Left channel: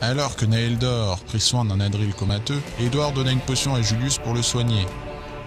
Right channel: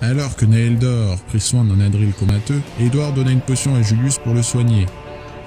Alors que Naeldor prit soin d'un Adril comateux, Edward donna une potion à Julius pour le soigner.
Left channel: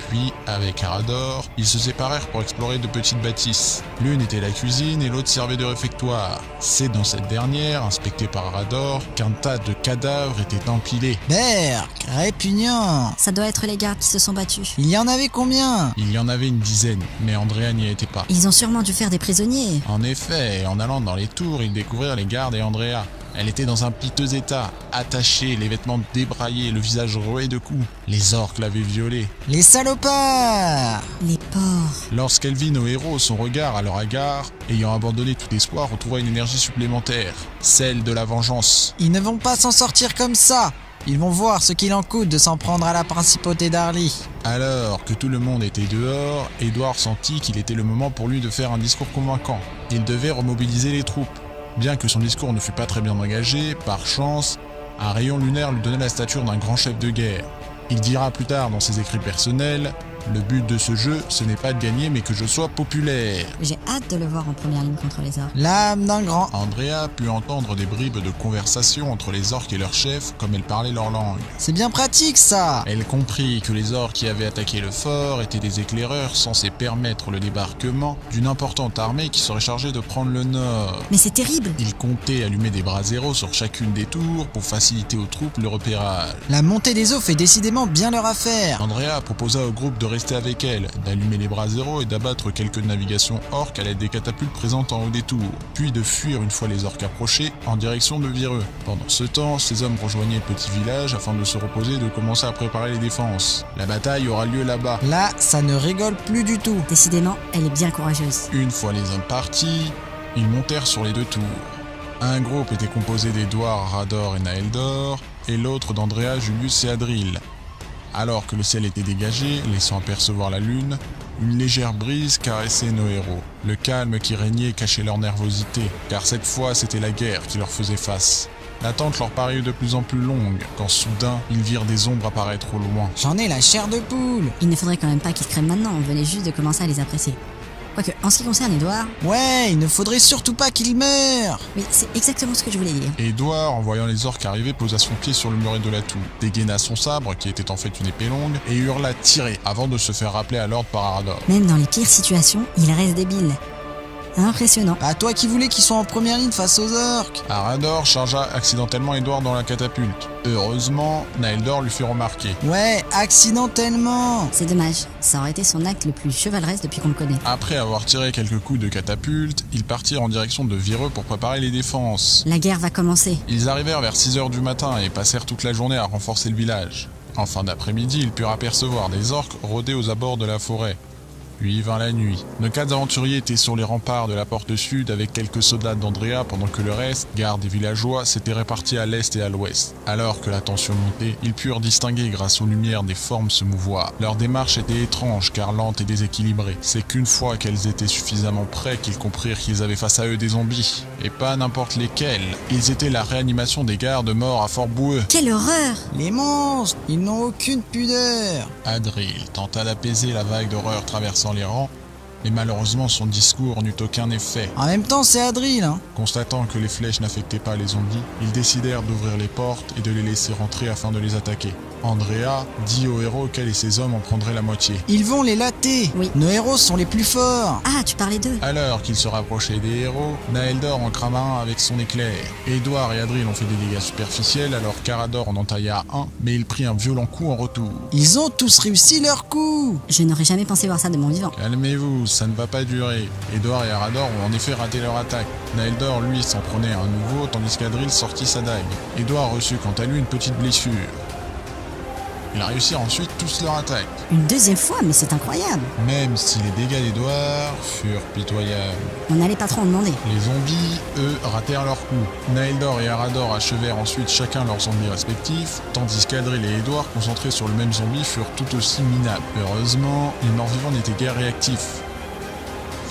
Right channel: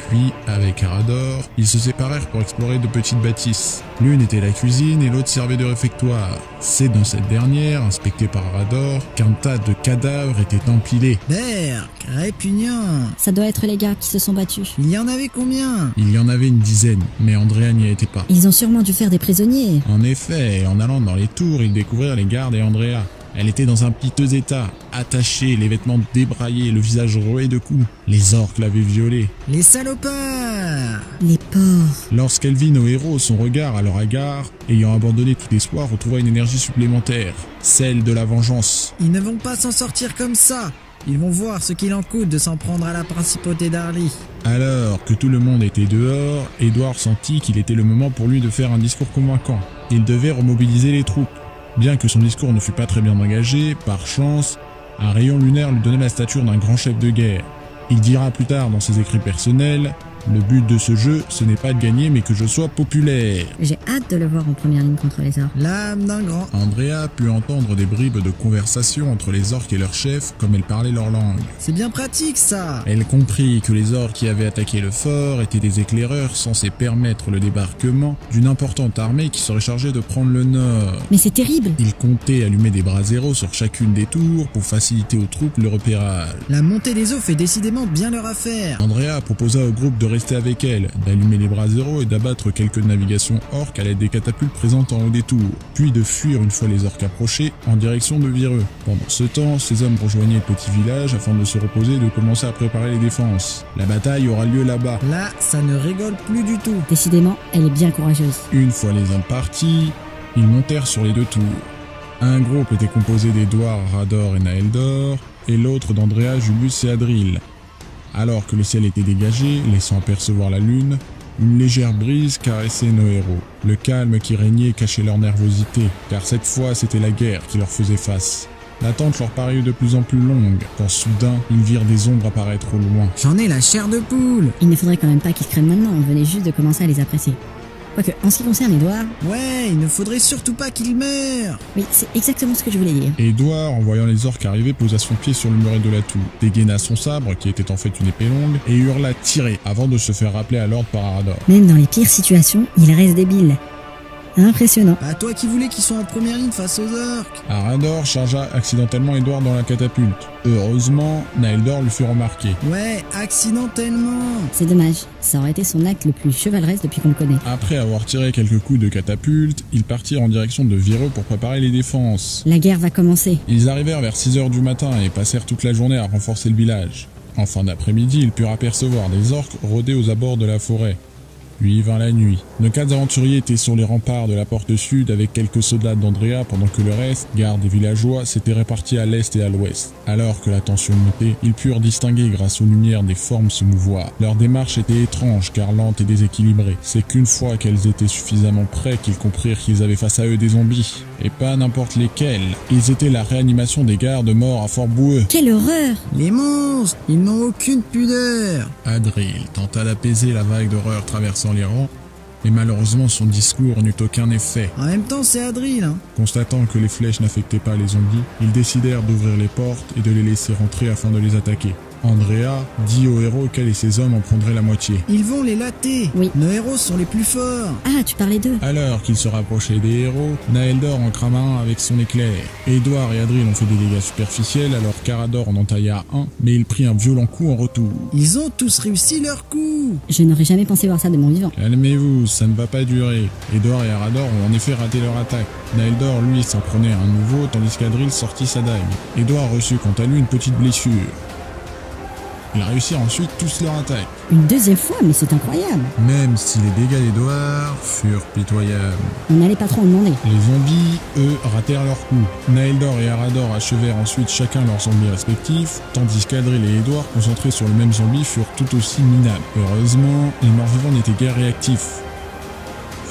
Puis, avec Arador, ils se séparèrent pour explorer de petites bâtisses. L'une était la cuisine et l'autre servait de réfectoire. C'est dans cette dernière, inspectée par Arador, qu'un tas de cadavres était empilé. Berk, répugnant. Ça doit être les gardes qui se sont battus. Il y en avait combien? Il y en avait une dizaine, mais Andrea n'y était pas. Ils ont sûrement dû faire des prisonniers. En effet, en allant dans les tours, ils découvrirent les gardes et Andrea. Elle était dans un piteux état, attachée, les vêtements débraillés, le visage roué de coups. Les orques l'avaient violée. Les salopards! Les pauvres. Lorsqu'elle vit nos héros, son regard à leur égard, ayant abandonné tout espoir, retrouva une énergie supplémentaire, celle de la vengeance. Ils ne vont pas s'en sortir comme ça. Ils vont voir ce qu'il en coûte de s'en prendre à la principauté d'Arly. Alors que tout le monde était dehors, Edward sentit qu'il était le moment pour lui de faire un discours convaincant. Il devait remobiliser les troupes. Bien que son discours ne fût pas très bien engagé, par chance, un rayon lunaire lui donnait la stature d'un grand chef de guerre. Il dira plus tard dans ses écrits personnels: le but de ce jeu, ce n'est pas de gagner, mais que je sois populaire. J'ai hâte de le voir en première ligne contre les orques. L'âme d'un grand. Andrea put entendre des bribes de conversation entre les orques et leur chef, comme elles parlaient leur langue. C'est bien pratique ça. Elle comprit que les orques qui avaient attaqué le fort étaient des éclaireurs censés permettre le débarquement d'une importante armée qui serait chargée de prendre le nord. Mais c'est terrible. Ils comptaient allumer des braseros sur chacune des tours pour faciliter aux troupes le repérage. La montée des eaux fait décidément bien leur affaire. Andrea proposa au groupe de rester avec elle, d'allumer les braseros et d'abattre quelques navigations orques à l'aide des catapultes présentes en haut des tours, puis de fuir une fois les orques approchés en direction de Vireux. Pendant ce temps, ces hommes rejoignaient le petit village afin de se reposer et de commencer à préparer les défenses. La bataille aura lieu là-bas. Là, ça ne rigole plus du tout. Décidément, elle est bien courageuse. Une fois les hommes partis, ils montèrent sur les deux tours. Un groupe était composé d'Edward, Arador et Naeldor, et l'autre d'Andrea, Julius et Adril. Alors que le ciel était dégagé, laissant apercevoir la lune, une légère brise caressait nos héros. Le calme qui régnait cachait leur nervosité, car cette fois c'était la guerre qui leur faisait face. L'attente leur parut de plus en plus longue, quand soudain, ils virent des ombres apparaître au loin. J'en ai la chair de poule. Il ne faudrait quand même pas qu'ils se crèment maintenant, on venait juste de commencer à les apprécier. Quoique, en ce qui concerne Edward... Ouais, il ne faudrait surtout pas qu'il meure. Mais c'est exactement ce que je voulais dire. Edward, en voyant les orques arriver, posa son pied sur le muret de la tour, dégaina son sabre, qui était en fait une épée longue, et hurla « Tirer !» avant de se faire rappeler à l'ordre par Arador. Même dans les pires situations, il reste débile. Impressionnant. Bah toi qui voulais qu'ils soient en première ligne face aux orques. Arador chargea accidentellement Edward dans la catapulte. Heureusement, Naeldor lui fit remarquer. Ouais, accidentellement. C'est dommage, ça aurait été son acte le plus chevaleresque depuis qu'on le connaît. Après avoir tiré quelques coups de catapulte, ils partirent en direction de Vireux pour préparer les défenses. La guerre va commencer. Ils arrivèrent vers 6 h du matin et passèrent toute la journée à renforcer le village. En fin d'après-midi, ils purent apercevoir des orques rôder aux abords de la forêt. Puis vint la nuit. Nos 4 aventuriers étaient sur les remparts de la porte sud avec quelques soldats d'Andrea pendant que le reste, gardes et villageois, s'étaient répartis à l'est et à l'ouest. Alors que la tension montait, ils purent distinguer grâce aux lumières des formes se mouvoir. Leur démarche était étrange car lente et déséquilibrée. C'est qu'une fois qu'elles étaient suffisamment près qu'ils comprirent qu'ils avaient face à eux des zombies. Et pas n'importe lesquels. Ils étaient la réanimation des gardes morts à Fort Boueux. Quelle horreur! Les monstres, ils n'ont aucune pudeur. Adril tenta d'apaiser la vague d'horreur traversant les rangs, mais malheureusement son discours n'eut aucun effet. En même temps, c'est Adril, hein. Constatant que les flèches n'affectaient pas les zombies, ils décidèrent d'ouvrir les portes et de les laisser rentrer afin de les attaquer. Andrea dit aux héros qu'elle et ses hommes en prendraient la moitié. Ils vont les latter. Oui. Nos héros sont les plus forts. Ah, tu parlais d'eux. Alors qu'ils se rapprochaient des héros, Naeldor en crama un avec son éclair. Edward et Adril ont fait des dégâts superficiels alors qu'Arador en entailla un, mais il prit un violent coup en retour. Ils ont tous réussi leur coup. Je n'aurais jamais pensé voir ça de mon vivant. Calmez-vous, ça ne va pas durer. Edward et Arador ont en effet raté leur attaque. Naeldor, lui, s'en prenait un nouveau, tandis qu'Adril sortit sa dague. Edward reçut quant à lui une petite blessure. Ils réussirent ensuite tous leur attaque. Une deuxième fois, mais c'est incroyable. Même si les dégâts d'Edward furent pitoyables. On n'allait pas trop en demander. Les zombies, eux, ratèrent leur coup. Naeldor et Arador achevèrent ensuite chacun leur zombie respectif, tandis qu'Adril et Edward, concentrés sur le même zombie, furent tout aussi minables. Heureusement, les morts-vivants n'étaient guère réactifs.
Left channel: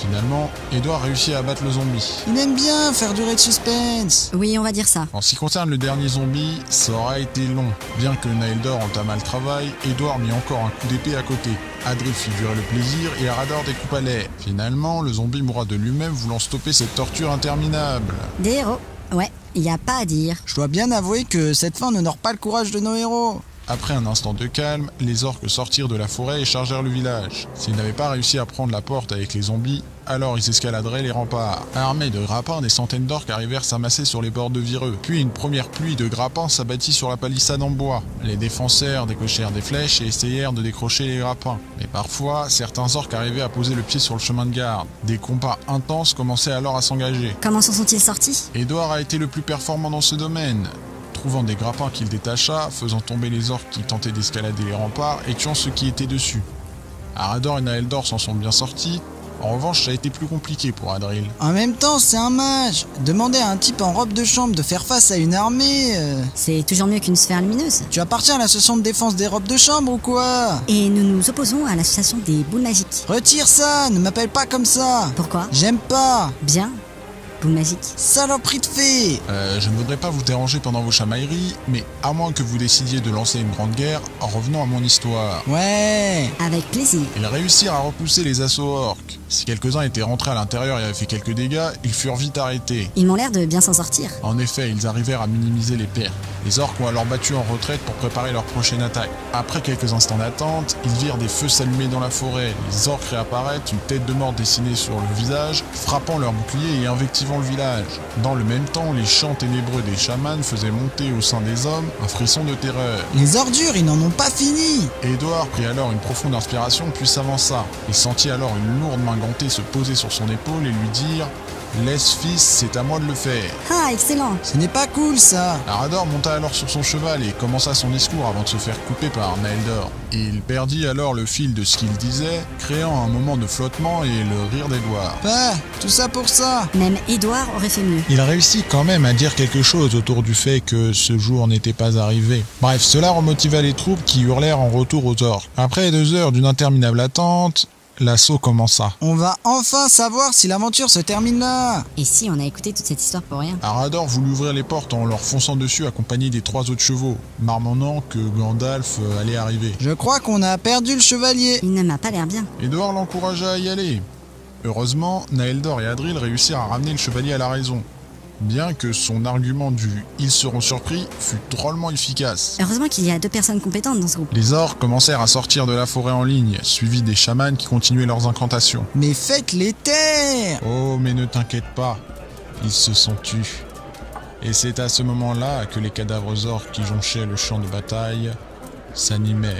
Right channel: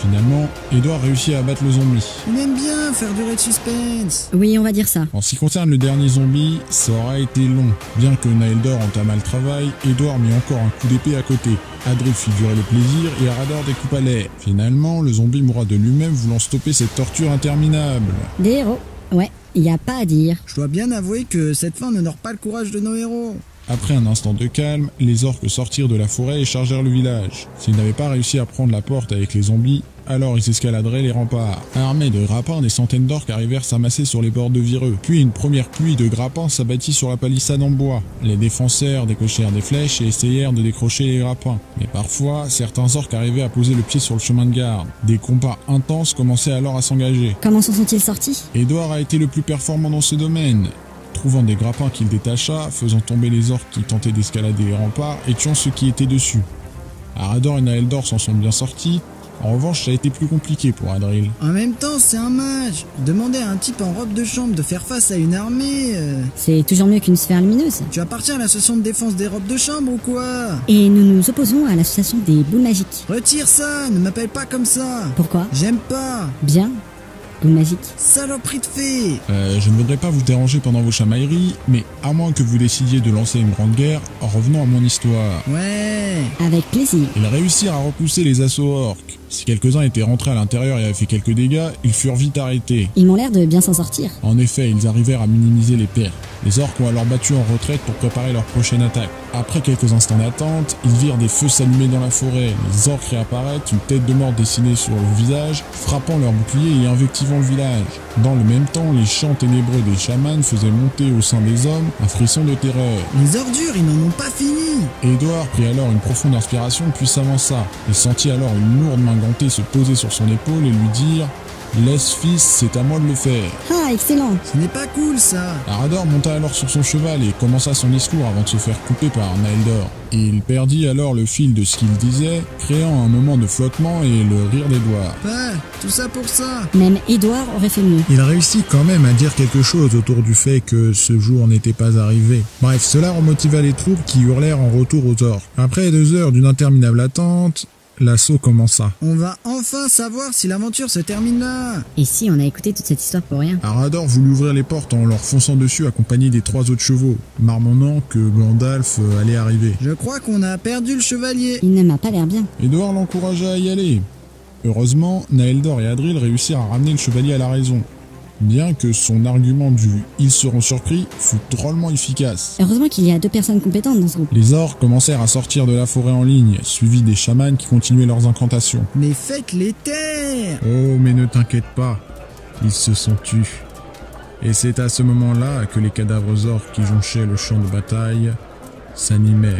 Finalement, Edward réussit à abattre le zombie. Il aime bien faire durer le suspense. Oui, on va dire ça. En ce qui concerne le dernier zombie, ça aura été long. Bien que Naeldor entama le travail, Edward mit encore un coup d'épée à côté. Adril fit durer le plaisir et Arador découpa l'air. Finalement, le zombie mourra de lui-même voulant stopper cette torture interminable. Des héros. Ouais, y a pas à dire. Je dois bien avouer que cette fin n'honore pas le courage de nos héros. Après un instant de calme, les orques sortirent de la forêt et chargèrent le village. S'ils n'avaient pas réussi à prendre la porte avec les zombies, alors ils escaladeraient les remparts. Armés de grappins, des centaines d'orques arrivèrent s'amasser sur les bords de Vireux. Puis une première pluie de grappins s'abattit sur la palissade en bois. Les défenseurs décochèrent des flèches et essayèrent de décrocher les grappins. Mais parfois, certains orques arrivaient à poser le pied sur le chemin de garde. Des combats intenses commençaient alors à s'engager. Comment s'en sont-ils sortis? Edward a été le plus performant dans ce domaine, trouvant des grappins qu'il détacha, faisant tomber les orques qui tentaient d'escalader les remparts et tuant ceux qui étaient dessus. Arador et Naeldor s'en sont bien sortis. En revanche, ça a été plus compliqué pour Adril. En même temps, c'est un mage. Demander à un type en robe de chambre de faire face à une armée... C'est toujours mieux qu'une sphère lumineuse. Tu appartiens à l'association de défense des robes de chambre ou quoi? Et nous nous opposons à l'association des boules magiques. Retire ça, ne m'appelle pas comme ça. Pourquoi? J'aime pas. Bien. Boule magique. Saloperie de fée. Je ne voudrais pas vous déranger pendant vos chamailleries, mais à moins que vous décidiez de lancer une grande guerre, revenons à mon histoire. Ouais. Avec plaisir. Ils réussirent à repousser les assauts orques. Si quelques-uns étaient rentrés à l'intérieur et avaient fait quelques dégâts, ils furent vite arrêtés. Ils m'ont l'air de bien s'en sortir. En effet, ils arrivèrent à minimiser les pertes. Les orques ont alors battu en retraite pour préparer leur prochaine attaque. Après quelques instants d'attente, ils virent des feux s'allumer dans la forêt. Les orques réapparaissent, une tête de mort dessinée sur le visage, frappant leur bouclier et invectivant le village. Dans le même temps, les chants ténébreux des chamans faisaient monter au sein des hommes un frisson de terreur. Les ordures, ils n'en ont pas fini. Edward prit alors une profonde inspiration puis s'avança. Il sentit alors une lourde main gantée se poser sur son épaule et lui dire « Laisse fils, c'est à moi de le faire ». Ah, excellent. Ce n'est pas cool ça. Arador monta alors sur son cheval et commença son discours avant de se faire couper par Naeldor. Il perdit alors le fil de ce qu'il disait, créant un moment de flottement et le rire d'Edward. Ah, tout ça pour ça. Même Edward aurait fait mieux. Il réussit quand même à dire quelque chose autour du fait que ce jour n'était pas arrivé. Bref, cela remotiva les troupes qui hurlèrent en retour aux orques. Après 2 heures d'une interminable attente, l'assaut commença. On va enfin savoir si l'aventure se termine là. Et si on a écouté toute cette histoire pour rien? Arador voulut ouvrir les portes en leur fonçant dessus accompagné des 3 autres chevaux, marmonnant que Gandalf allait arriver. Je crois qu'on a perdu le chevalier. Il ne m'a pas l'air bien. Edward l'encouragea à y aller. Heureusement, Naeldor et Adril réussirent à ramener le chevalier à la raison, bien que son argument du « ils seront surpris » fut drôlement efficace. Heureusement qu'il y a 2 personnes compétentes dans ce groupe. Les orques commencèrent à sortir de la forêt en ligne, suivis des chamans qui continuaient leurs incantations. Mais faites-les taire. Oh, mais ne t'inquiète pas, ils se sont tus. Et c'est à ce moment-là que les cadavres orques qui jonchaient le champ de bataille s'animèrent.